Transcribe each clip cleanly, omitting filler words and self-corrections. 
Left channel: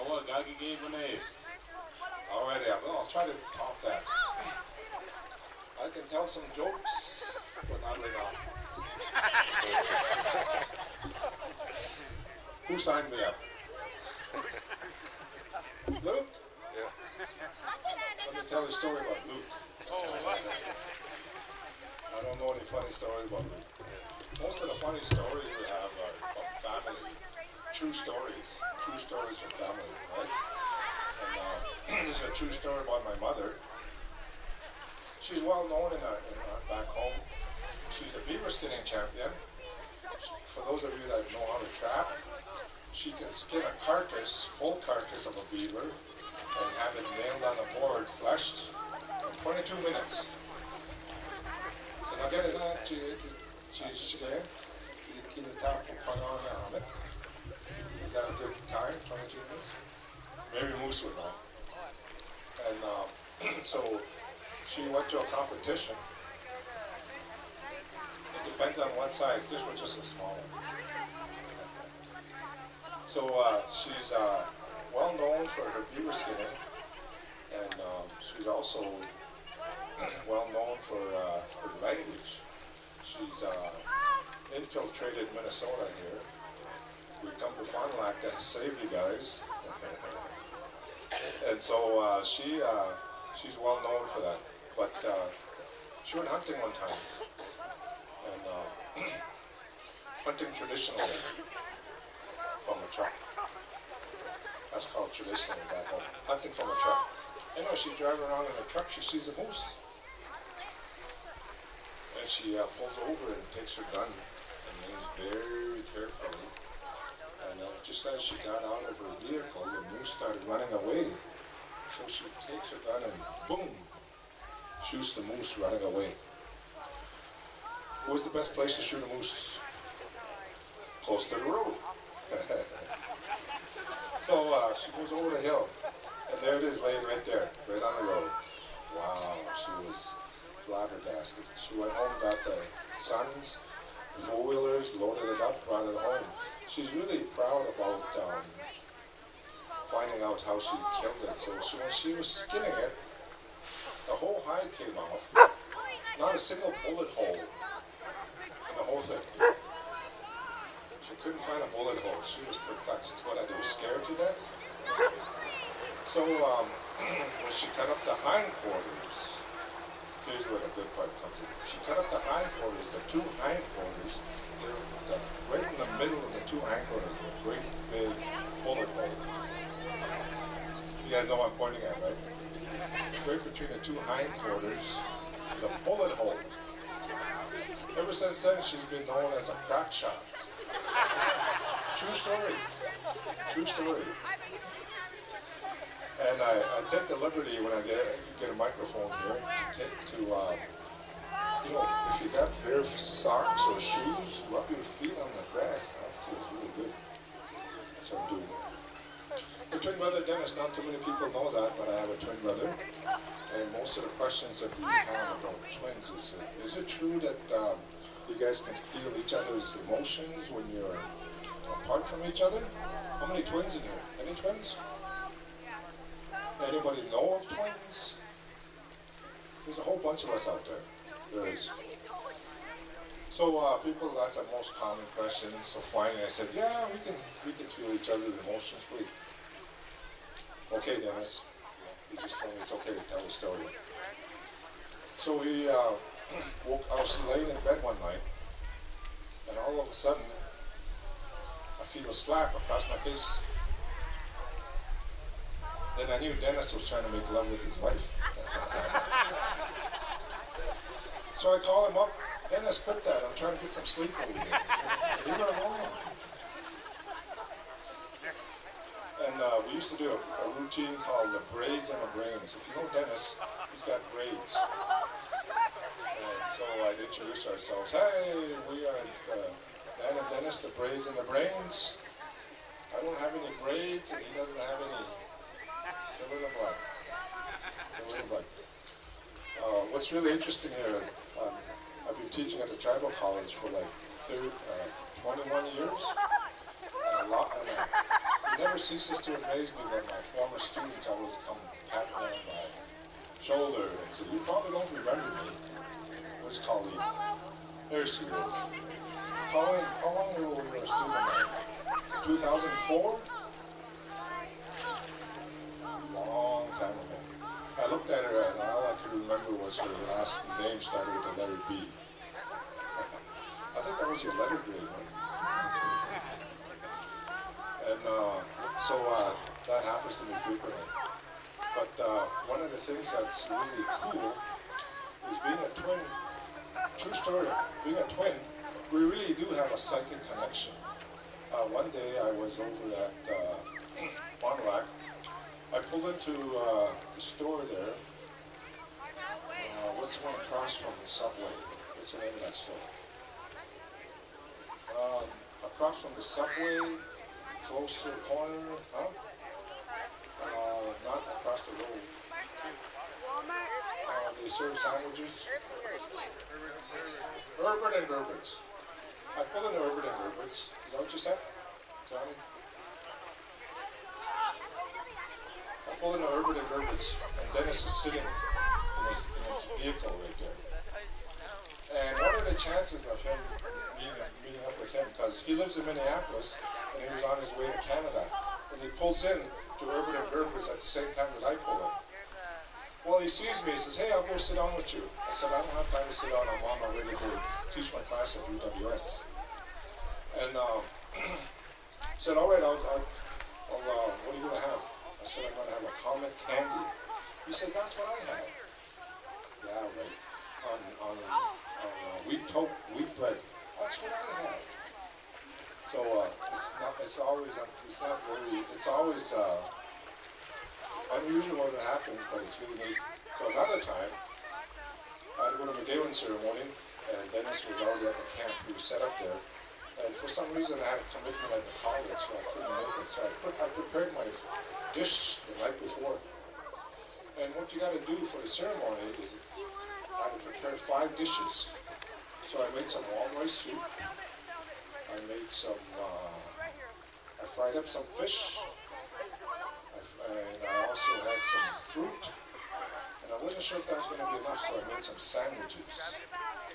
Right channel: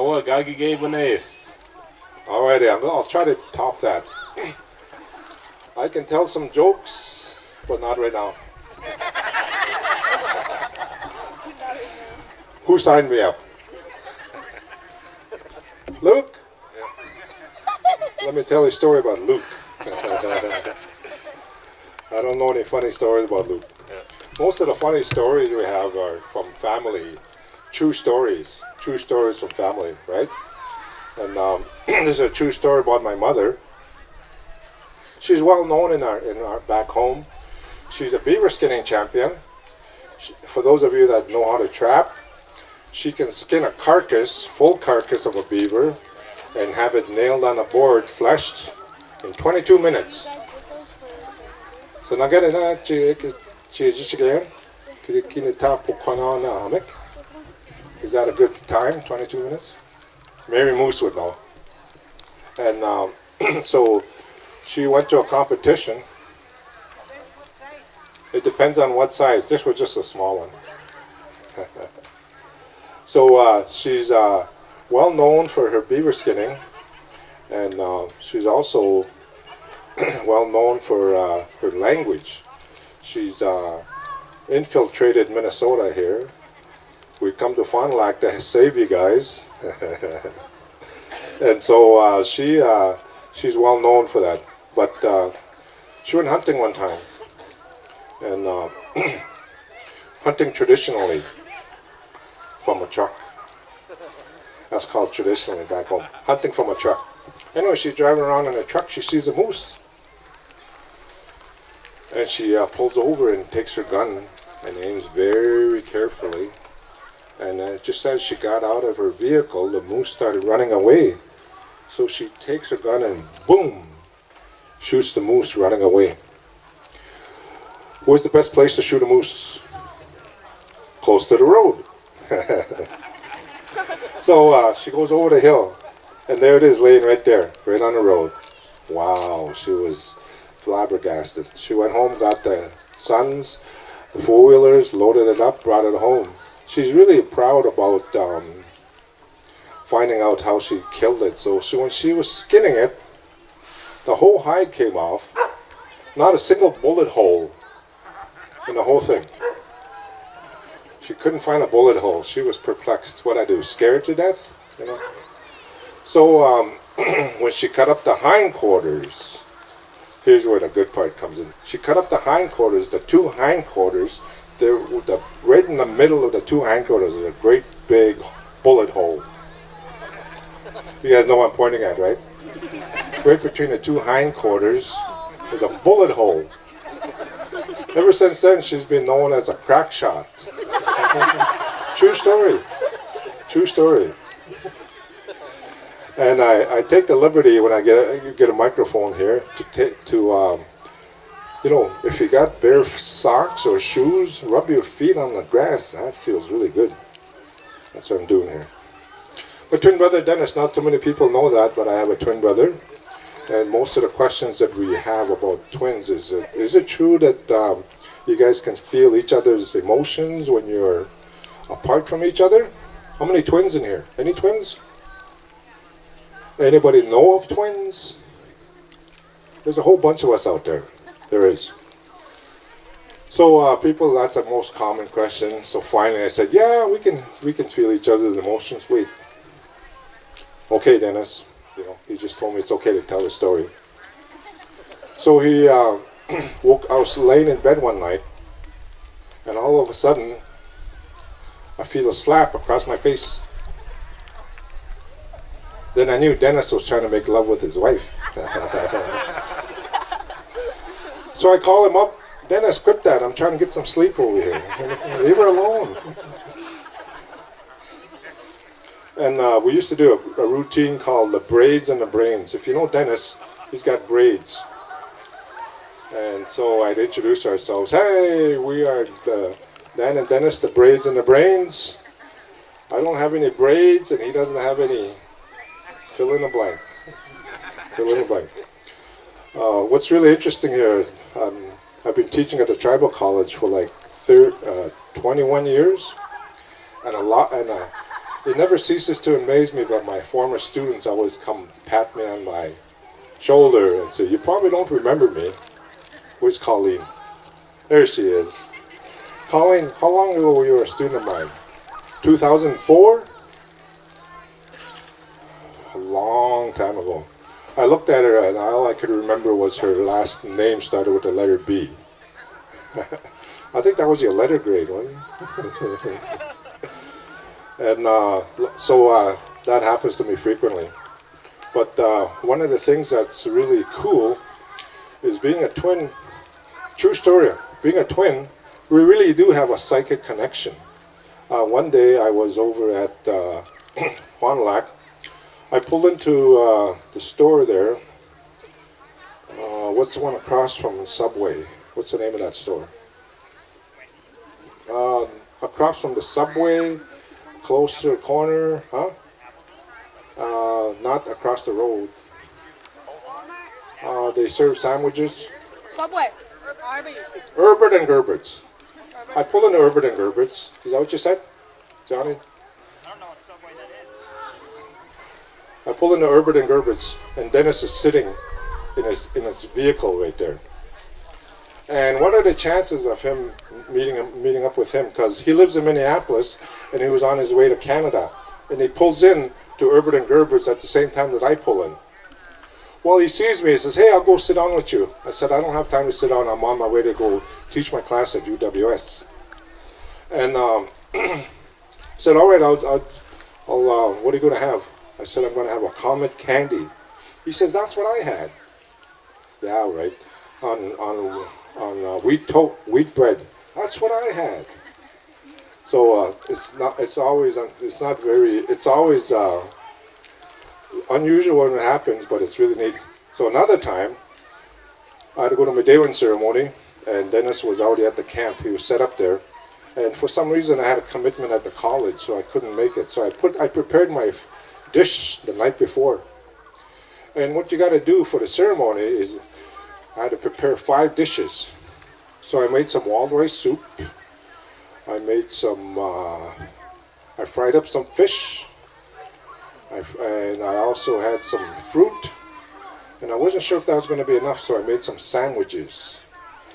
Oh, Gaagigebines. Alrighty, I'll try to top that. I can tell some jokes, but not right now. Who signed me up? Luke? Yeah. Let me tell you a story about Luke. I don't know any funny stories about Luke. Most of the funny stories we have are from family, true stories from family, right? And this is a true story about my mother. She's well known in our back home. She's a beaver skinning champion. For those of you that know how to trap, she can skin a carcass, full carcass of a beaver, and have it nailed on a board, fleshed, in 22 minutes. So now get it na is that a good time, 22 minutes? Mary Moose would know. And so she went to a competition. It depends on what size. This was just a small one. So she's well known for her beaver skinning, and she's also well known for her language. She's infiltrated Minnesota here. We come to Fond du Lac to save you guys. And so she's well known for that. But she went hunting one time, and hunting traditionally from a truck. That's called traditionally back home. Hunting from a truck. Anyway, she's driving around in a truck. She sees a moose, and she pulls over and takes her gun and aims very carefully. And just as she got out of her vehicle, the moose started running away. So she takes her gun and boom, shoots the moose running away. Where's the best place to shoot a moose? Close to the road. So she goes over the hill, and there it is laying right there, right on the road. Wow, she was flabbergasted. She went home, got the sons, the four-wheelers, loaded it up, brought it home. She's really proud about finding out how she killed it. So when she was skinning it, the whole hide came off. Not a single bullet hole in the whole thing. She couldn't find a bullet hole. She was perplexed. What I do, scared to death? You know? So when she cut up the hindquarters, here's where the good part comes in. She cut up the hindquarters, the two hindquarters. Right in the middle of the two hindquarters is a great big bullet hole. You guys know what I'm pointing at, right? Right between the two hindquarters is a bullet hole. Ever since then, she's been known as a crack shot. True story. True story. And I take the liberty when I get a microphone here to you know, if you got bare socks or shoes, rub your feet on the grass. That feels really good. That's what I'm doing here. My twin brother Dennis, not too many people know that, but I have a twin brother. And most of the questions that we have about twins is it true that you guys can feel each other's emotions when you're apart from each other? How many twins in here? Any twins? Anybody know of twins? There's a whole bunch of us out there. There is. So people, that's the most common question. So finally I said, yeah, we can feel each other's emotions. Wait. Okay, Dennis. You know, he just told me it's okay to tell the story. So he I was laying in bed one night, and all of a sudden I feel a slap across my face. Then I knew Dennis was trying to make love with his wife. So I call him up. Dennis, quit that. I'm trying to get some sleep over here. Leave her alone. And we used to do a routine called the braids and the brains. If you know Dennis, he's got braids. And so I'd introduce ourselves. Hey, we are Dan and Dennis, the braids and the brains. I don't have any braids, and he doesn't have any. Fill in the blank. Fill in the blank. What's really interesting here, I've been teaching at the tribal college for like 21 years, and It never ceases to amaze me, but my former students always come pat me on my shoulder and say, "You probably don't remember me." Where's Colleen? There she is. Colleen, how long ago were you a student of mine? 2004? A long time ago. I looked at her and all I could remember was her last name started with the letter B. I think that was your letter grade, wasn't it? And so that happens to me frequently. But one of the things that's really cool is being a twin. True story. Being a twin, we really do have a psychic connection. One day I was over at Fond du Lac. I pulled into the store there. What's the one across from Subway? What's the name of that store? Across from the Subway, close to the corner, huh? Not across the road. They serve sandwiches. Subway. Herbert and Gerbert's. I pulled into Herbert and Gerbert's. Is that what you said, Johnny? I pulled into Herbert and Gerbert's, and Dennis is sitting in his vehicle right there. And what are the chances of him meeting up with him? Because he lives in Minneapolis, and he was on his way to Canada, and he pulls in to Herbert and Gerbert's at the same time that I pull in. Well, he sees me. He says, "Hey, I'll go sit down with you." I said, "I don't have time to sit down. I'm on my way to go teach my class at UWS." And said, "All right, I'll what are you going to have?" I said, "I'm going to have a Comet candy." He says, "That's what I had." Yeah, right. On wheat bread. That's what I had. So it's always unusual when it happens, but it's really neat. So another time, I had to go to my Kiwenz ceremony, and Dennis was already at the camp. He was set up there, and for some reason I had a commitment at the college, so I couldn't make it. So I prepared my dish the night before. And what you got to do for the ceremony is I had to prepare 5 dishes. So I made some wild rice soup. I made some. I fried up some fish. And I also had some fruit, and I wasn't sure if that was going to be enough, so I made some sandwiches.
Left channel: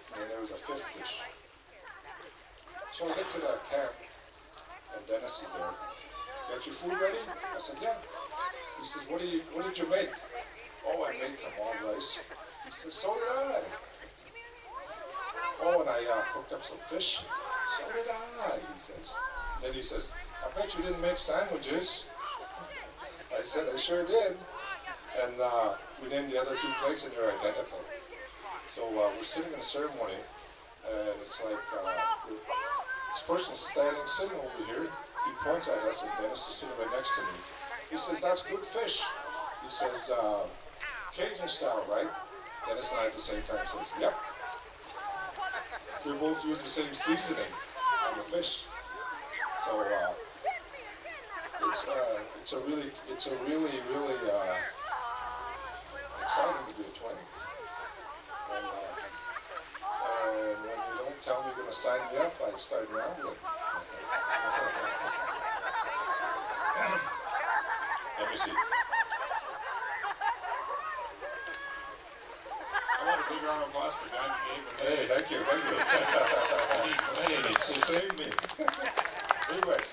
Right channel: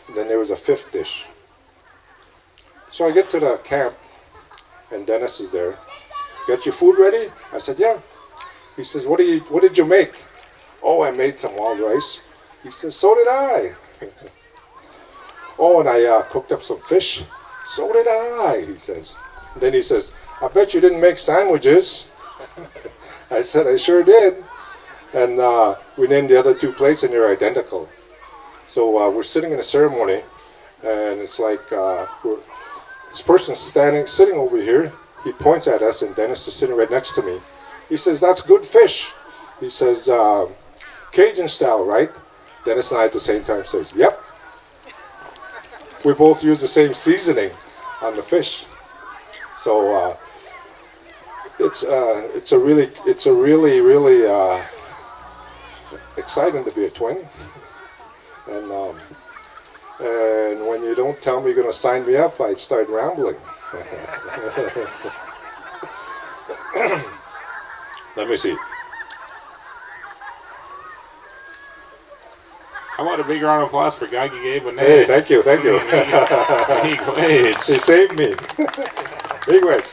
And then there was a 5th dish. So I get to the camp, and Dennis is there. "Got your food ready?" I said, "Yeah." He says, "What did you make?" "Oh, I made some wild rice." He says, "So did I." "Oh, and I cooked up some fish." "So did I," he says. And then he says, "I bet you didn't make sandwiches." I said, "I sure did." And we named the other 2 plates, and they're identical. So we're sitting in a ceremony, and it's like this person's sitting over here. He points at us, and Dennis is sitting right next to me. He says, "That's good fish." He says, "Cajun style, right?" Dennis and I at the same time says, "Yep." We both use the same seasoning on the fish. So it's a really exciting to be a twin. And when you don't tell me you're going to sign me up, I start rambling. Let me see. How about a big round of applause for Gaagigebines-Dan? Hey, thank you. Kiwenz. He saved me. Big wedge.